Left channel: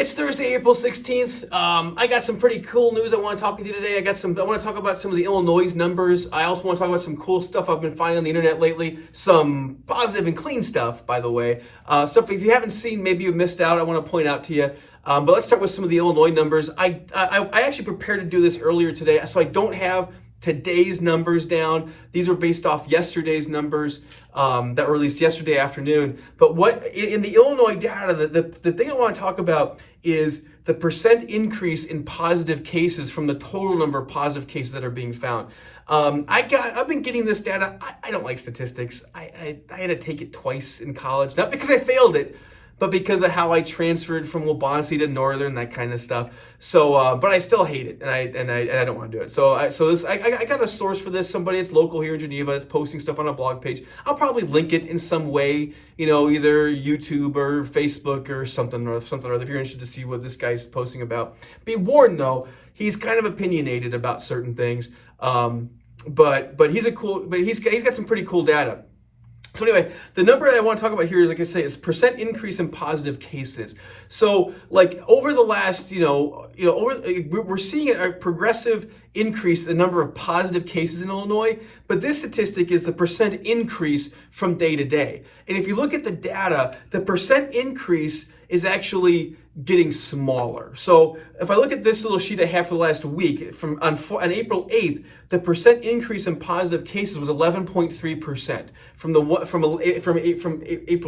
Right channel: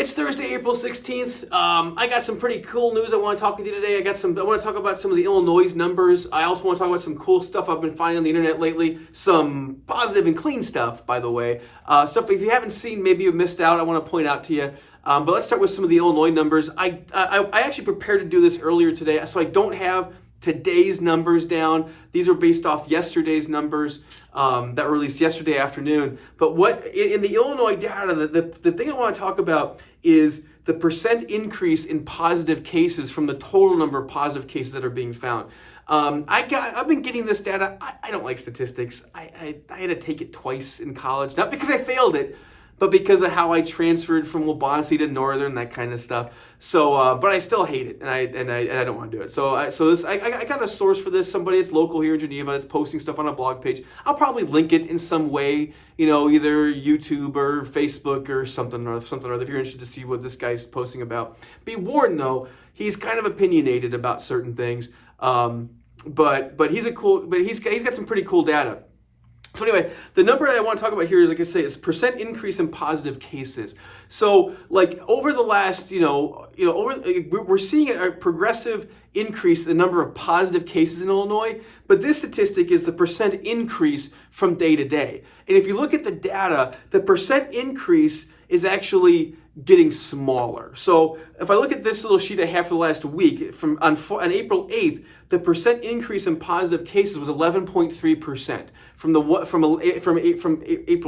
It's Thursday, April 16th. I got some pretty cool news I want to talk with you today. I want to talk about some of the Illinois numbers. I also want to talk about some cool stuff I've been finding on the internet lately. Some positive and clean stuff, by the way. Stuff if you haven't seen, maybe you missed out, I want to point out to you. But let's start with some of the Illinois numbers. I actually prepared to do this earlier today, so I don't have today's numbers down. These are based off yesterday's numbers that were released yesterday afternoon. But what in the Illinois data, the thing I want to talk about is the percent increase in positive cases from the total number of positive cases that are being found. I've been getting this data. I don't like statistics. I had to take it twice in college, not because I failed it, but because of how I transferred from Waubonsee to Northern, that kind of stuff. So, but I still hate it, and I don't want to do it. So I got a source for this. Somebody that's local here in Geneva that's posting stuff on a blog page. I'll probably link it in some way, either YouTube or Facebook or something or other. If you're interested to see what this guy's posting about, be warned though, he's kind of opinionated about certain things. But he's got some pretty cool data. So anyway, the number I want to talk about here is, like I say, is percent increase in positive cases. So like over the last, we're seeing a progressive increase in the number of positive cases in Illinois, but this statistic is the percent increase from day to day. And if you look at the data, the percent increase is actually getting smaller. So if I look at this little sheet I have for the last week, on April 8th, the percent increase in positive cases was 11.3%. From April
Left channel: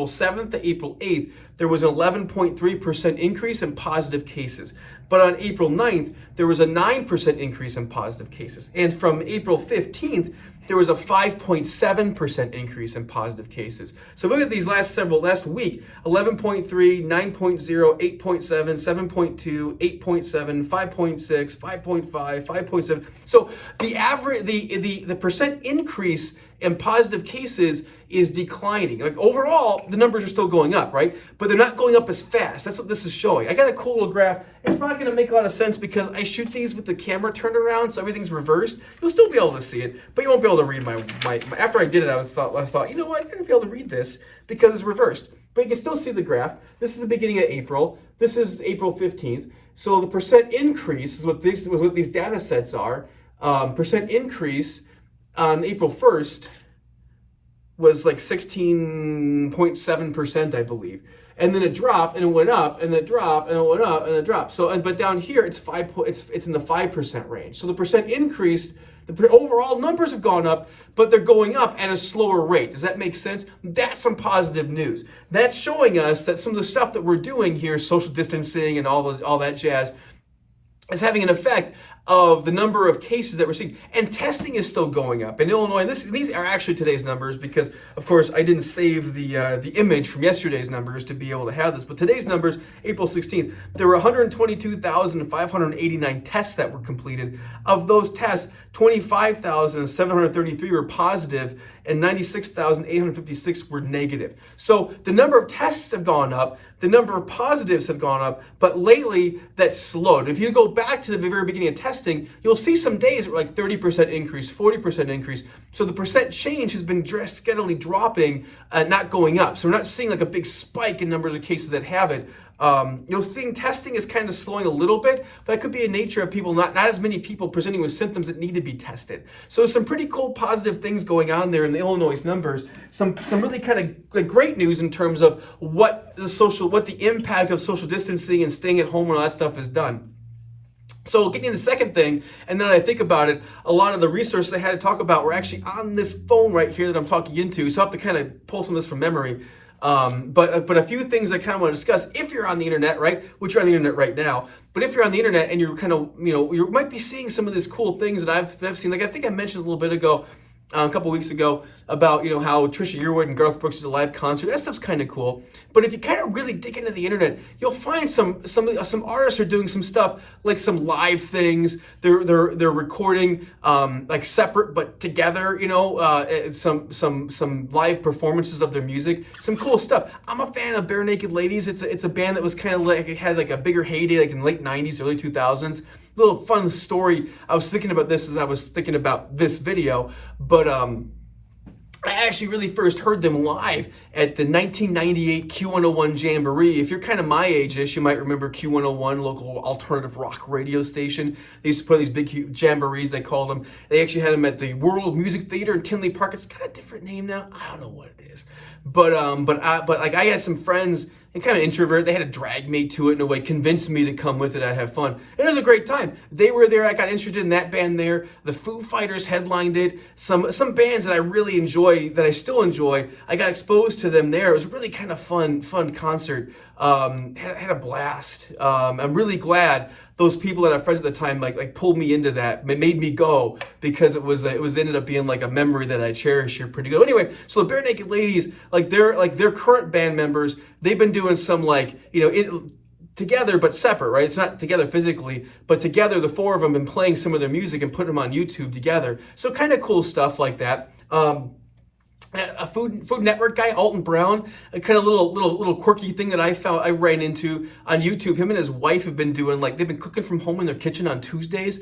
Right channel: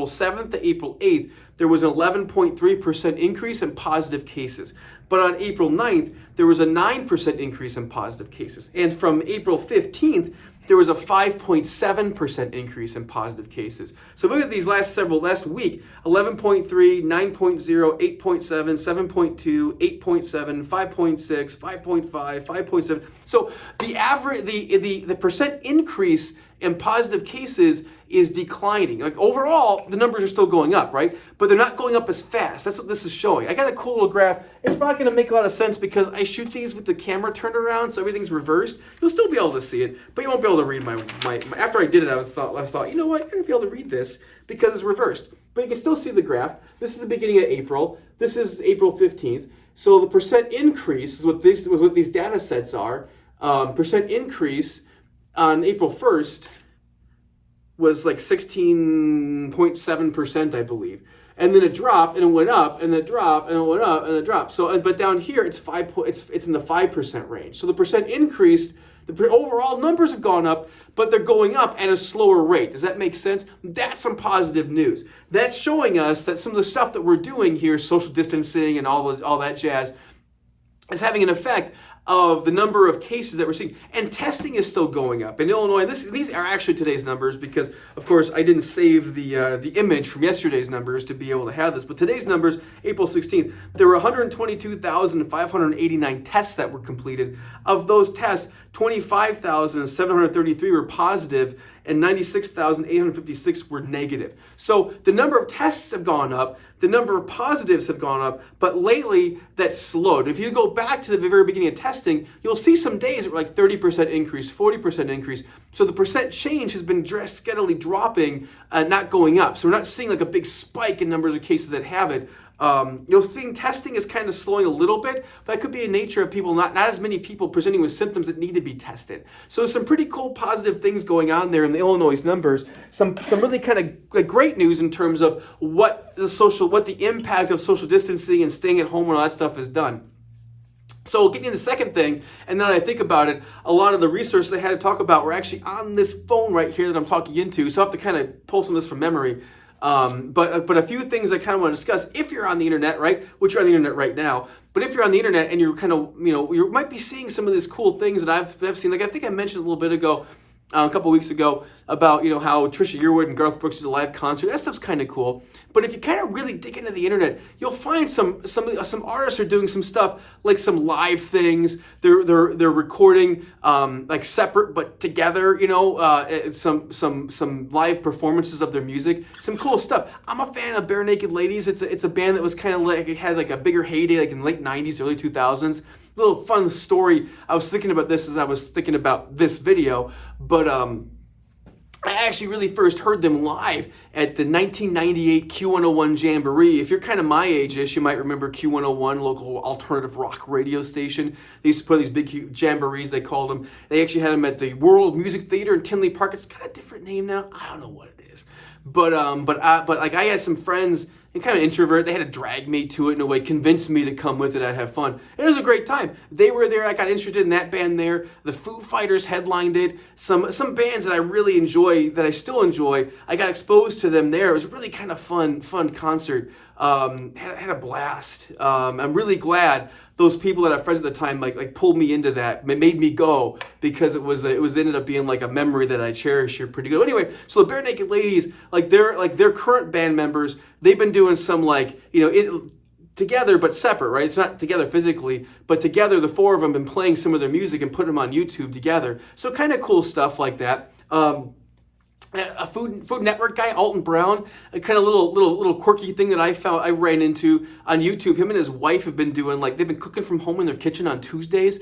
7th to April 8th, there was an 11.3% increase in positive cases. But on April 9th, there was a 9% increase in positive cases. And from April 15th, there was a 5.7% increase in positive cases. So look at these last week, 11.3, 9.0, 8.7, 7.2, 8.7, 5.6, 5.5, 5.7. So the average, the percent increase in positive cases is declining. Like overall, the numbers are still going up, right? But they're not going up as fast. That's what this is showing. I got a cool little graph. It's not going to make a lot of sense because I shoot these with the camera turned around, so everything's reversed. You'll still be able to see it, but you won't be able to read my after I did it, I thought, you know what? I'm going to be able to read this because it's reversed. But you can still see the graph. This is the beginning of April. This is April 15th. So the percent increase is what these data sets are. Percent increase on April 1st was like 16.7%, I believe. And then it dropped and it went up and it dropped and it went up and it dropped. So, but down here it's in the 5% range. So the percent increase, the overall numbers have gone up, but they're going up at a slower rate. Does that make sense? That's some positive news. That's showing us that some of the stuff that we're doing here, social distancing and all that jazz, is having an effect of the number of cases that we're seeing. And testing is still going up. In Illinois, these are actually today's numbers because, of course, I didn't save the image from yesterday's numbers to be able to have this. But today's numbers, April 16th, there were 122,589 tests that were completed. Of those tests, 25,733 were positive and 96,856 were negative. So the number of tests have gone up, the number of positives have gone up, but lately that's slowed. If you go back to the very beginning of testing, you'll see some days that were like 30% increase, 40% increase. So the percent change has been steadily dropping, not going up. So we're not seeing like a big spike in numbers of cases that have it. You'll think testing is kind of slowing a little bit, but that could be a nature of people, not as many people presenting with symptoms that need to be tested. So some pretty cool positive things going on there in the Illinois numbers. Some really kind of great news in terms of what the impact of social distancing and staying at home and all that stuff has done. So getting to the second thing, and now that I think about it, a lot of the resources I had to talk about were actually on this phone right here that I'm talking into. So I have to kind of pull some of this from memory. But a few things I kind of want to discuss if you're on the internet, right? Which you're on the internet right now. But if you're on the internet and you're kind of, you might be seeing some of these cool things that I've seen. Like I think I mentioned a little bit ago, a couple weeks ago, about how Trisha Yearwood and Garth Brooks did a live concert. That stuff's kind of cool. But if you kind of really dig into the internet, you'll find some artists are doing some stuff like some live things. They're recording like separate but together. Some live performances of their music. Some cool stuff. I'm a fan of Bare Naked Ladies. It's a band that was kind of like, it had like a bigger heyday like in the late 90s, early 2000s. Little fun story. I was thinking about this as I was thinking about this video, but I actually really first heard them live at the 1998 Q101 Jamboree. If you're kind of my age-ish, you might remember Q101, local alternative rock radio station. They used to put these big jamborees, they called them. They actually had them at the World Music Theater in Tinley Park. It's got a different name now. I don't know what it is. But like I had some friends and kind of introvert. They had to drag me to it in a way, convince me to come with it. I'd have fun. It was a great time. They were there. I got interested in that band there. The Foo Fighters headlined it. Some bands that I really enjoy, that I still enjoy, I got exposed to them there. It was really kind of fun concert. Had a blast. I'm really glad those people that I friends at the time like pulled me into that, made me go, because it was ended up being like a memory that I cherish here pretty good. Anyway, so the Bare Naked Ladies, like their current band members, they've been doing some together but separate, right? It's not together physically, but together the four of them been playing some of their music and putting them on YouTube together. So kind of cool stuff like that. A Food Network guy, Alton Brown, a kind of little quirky thing that I ran into on YouTube. Him and his wife have been doing, like, they've been cooking from home in their kitchen on Tuesdays.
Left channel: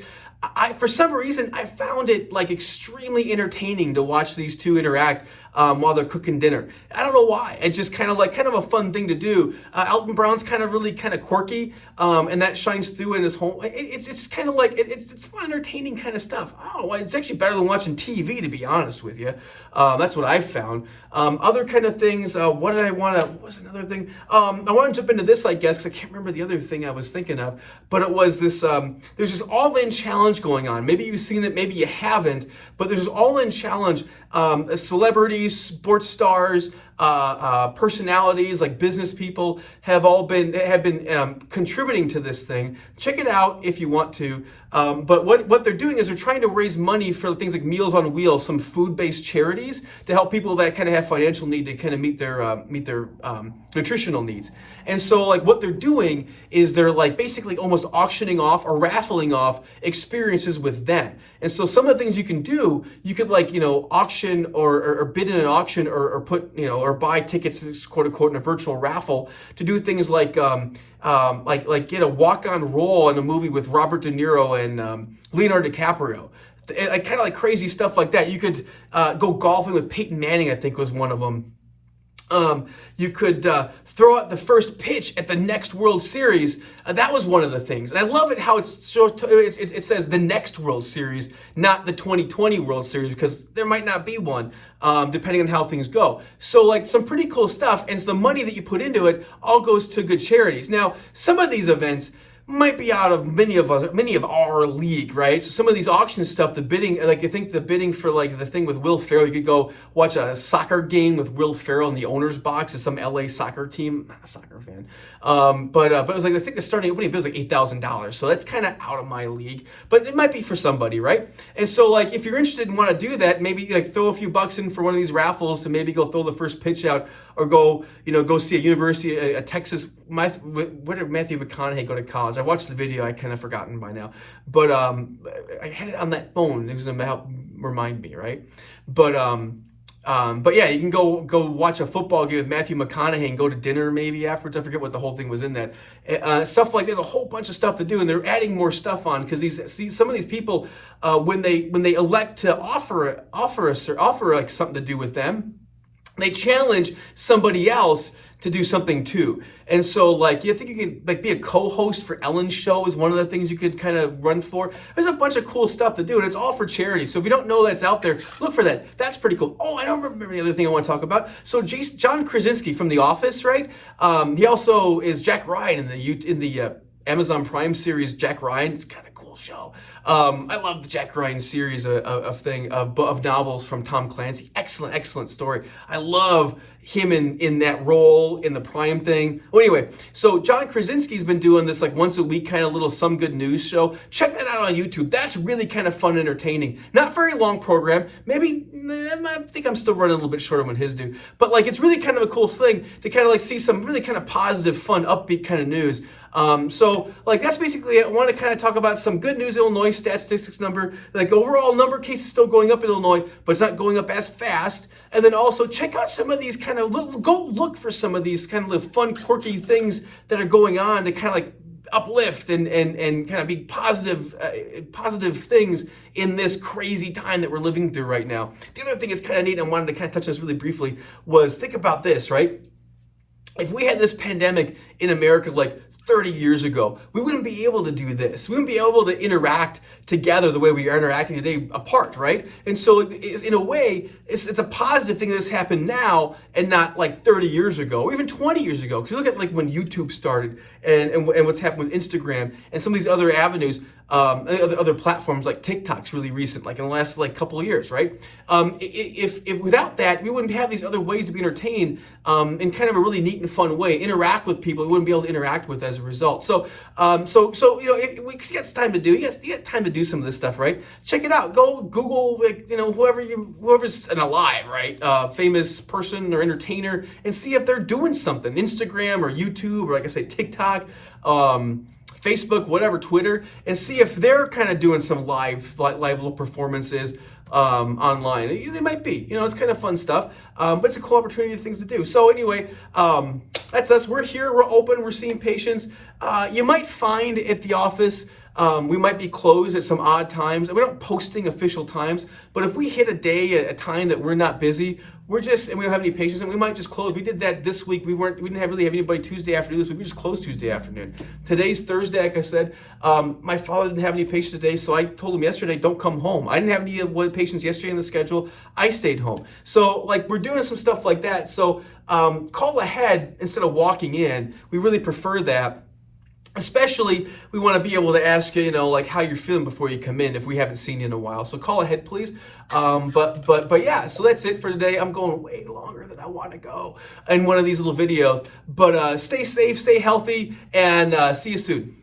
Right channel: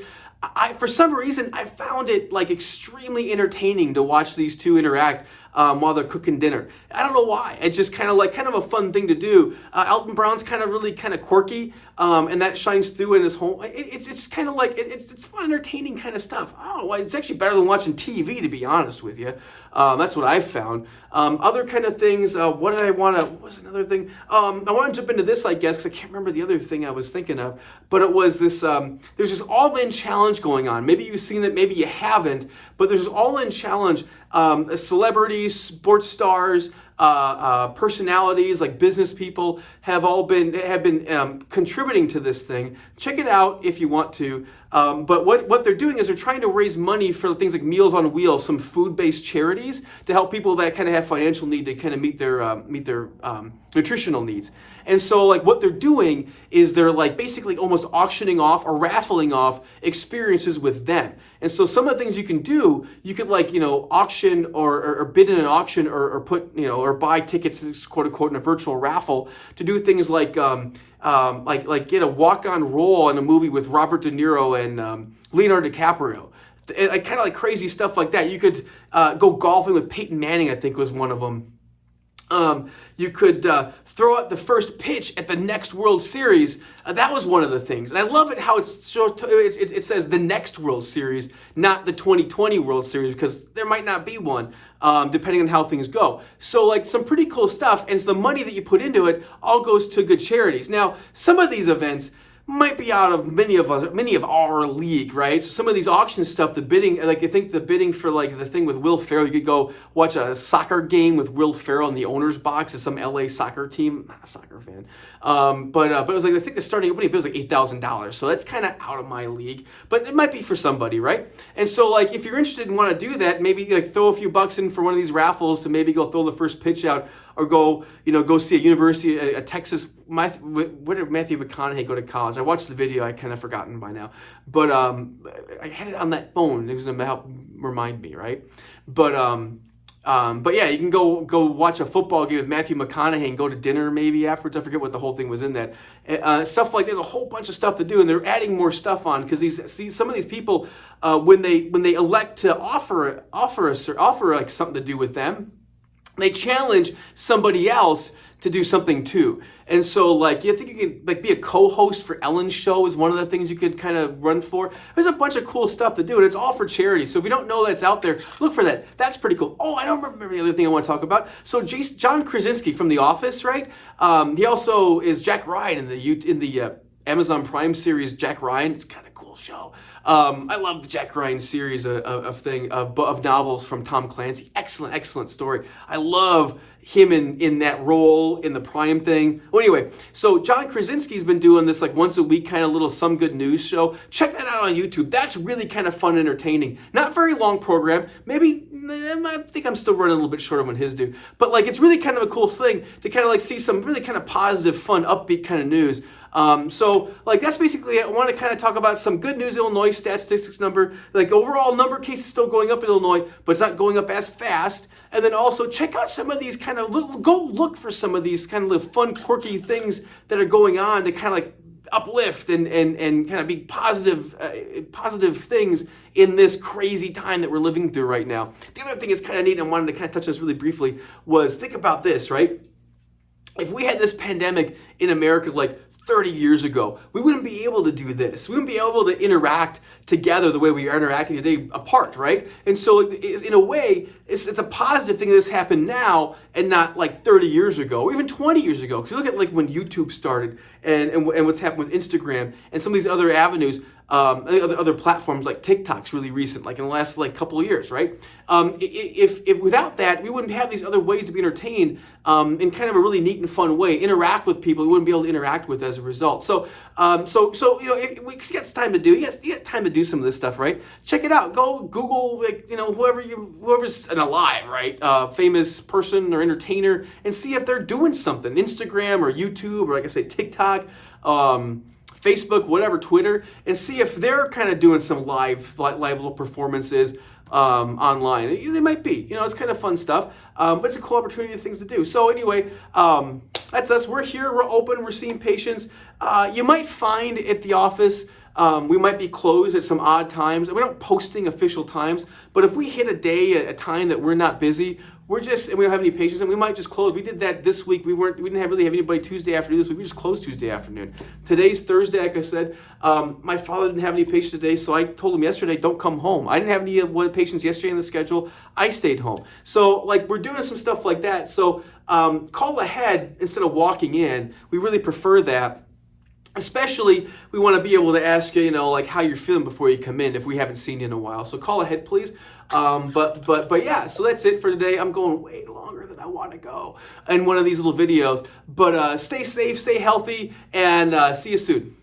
For some reason, I found it like extremely entertaining to watch these two interact while they're cooking dinner. I don't know why. It's just kind of a fun thing to do. Alton Brown's really quirky, and that shines through in his home. It's kind of like it's fun, entertaining kind of stuff. I don't know why. It's actually better than watching TV, to be honest with you. That's what I've found. Other kind of things. What was another thing? I want to jump into this, I guess, because I can't remember the other thing I was thinking of. But it was this. There's this all-in challenge going on. Maybe you've seen it. Maybe you haven't. But there's this all-in challenge. Celebrities, sports stars, personalities like business people have been contributing to this thing. Check it out if you want to. But what they're doing is they're trying to raise money for things like Meals on Wheels, some food-based charities to help people that kind of have financial need to kind of meet their nutritional needs. And so like what they're doing is they're like basically almost auctioning off or raffling off experiences with them. And so some of the things you can do, you could auction or bid in an auction or put, or buy tickets, quote unquote, in a virtual raffle to do things like get a walk-on role in a movie with Robert De Niro and Leonardo DiCaprio. Kind of like crazy stuff like that. You could go golfing with Peyton Manning, I think was one of them. You could throw out the first pitch at the next World Series. That was one of the things. And I love it how it says the next World Series, not the 2020 World Series, because there might not be one, depending on how things go. So like some pretty cool stuff, and it's the money that you put into it all goes to good charities. Now, some of these events might be out of many of our league, right? So some of these auction stuff, the bidding, like I think the bidding for like the thing with Will Ferrell, you could go watch a soccer game with Will Ferrell in the owner's box at some LA soccer team. I'm not a soccer fan. But it was like, I think the starting opening bid was like $8,000. So that's kind of out of my league, but it might be for somebody, right? And so like, if you're interested and want to do that, maybe like throw a few bucks in for one of these raffles to maybe go throw the first pitch out, or go see a university, a Texas. Where did Matthew McConaughey go to college? I watched the video. I kind of forgotten by now, but I had it on that phone. It was gonna help remind me, right? But yeah, you can go watch a football game with Matthew McConaughey and go to dinner maybe afterwards. I forget what the whole thing was in that. Stuff like there's a whole bunch of stuff to do, and they're adding more stuff on because some of these people when they elect to offer like something to do with them, they challenge somebody else to do something too. And so like, you think you could like be a co-host for Ellen's show is one of the things you could kind of run for. There's a bunch of cool stuff to do, and it's all for charity. So if you don't know that's out there, look for that. That's pretty cool. Oh, I don't remember the other thing I want to talk about. So John Krasinski from The Office, right? He also is Jack Ryan in the Amazon Prime series Jack Ryan. It's kind of cool show. I love the Jack Ryan series of novels from Tom Clancy. Excellent story. I love him in that role in the Prime thing. Well, anyway, so John Krasinski's been doing this like once a week kind of little Some Good News show. Check that out on YouTube. That's really kind of fun and entertaining. Not very long program. Maybe, I think I'm still running a little bit short of what his do. But like, it's really kind of a cool thing to kind of like see some really kind of positive, fun, upbeat kind of news. So like that's basically it. I want to kind of talk about some good news. Illinois statistics number, like overall number of cases still going up in Illinois, but it's not going up as fast. And then also check out some of these kind of go look for some of these kind of fun, quirky things that are going on to kind of like uplift and kind of be positive things in this crazy time that we're living through right now. The other thing is kind of neat, and I wanted to kind of touch this really briefly, was think about this, right? If we had this pandemic in America like 30 years ago, we wouldn't be able to do this. We wouldn't be able to interact together the way we are interacting today apart, right? And so in a way, it's a positive thing that this happened now and not like 30 years ago, or even 20 years ago. Because you look at like when YouTube started and what's happened with Instagram and some of these other avenues, other platforms like TikTok's really recent, like in the last like couple of years, right? If without that, we wouldn't have these other ways to be entertained in kind of a really neat and fun way, interact with people we wouldn't be able to interact with as a result. So we got time to do. You got time to do some of this stuff, right? Check it out. Go Google, like, whoever's an alive, right, famous person or entertainer, and see if they're doing something. Instagram or YouTube or, like I say, TikTok. Facebook, whatever, Twitter, and see if they're kind of doing some live little performances online. They might be, it's kind of fun stuff, but it's a cool opportunity, things to do. So anyway, that's us. We're here, we're open, we're seeing patients. You might find at the office, we might be closed at some odd times. We're not posting official times, but if we hit a day, a time that we're not busy, and we don't have any patients, and we might just close. We did that this week. We didn't really have anybody Tuesday afternoon this week. We just closed Tuesday afternoon. Today's Thursday, like I said. My father didn't have any patients today, so I told him yesterday, don't come home. I didn't have any patients yesterday on the schedule. I stayed home. So like we're doing some stuff like that. So call ahead instead of walking in. We really prefer that. Especially, we want to be able to ask you, like how you're feeling before you come in if we haven't seen you in a while. So call ahead, please. But yeah, so that's it for today. I'm going way longer than I want to go in one of these little videos. But stay safe, stay healthy, and see you soon.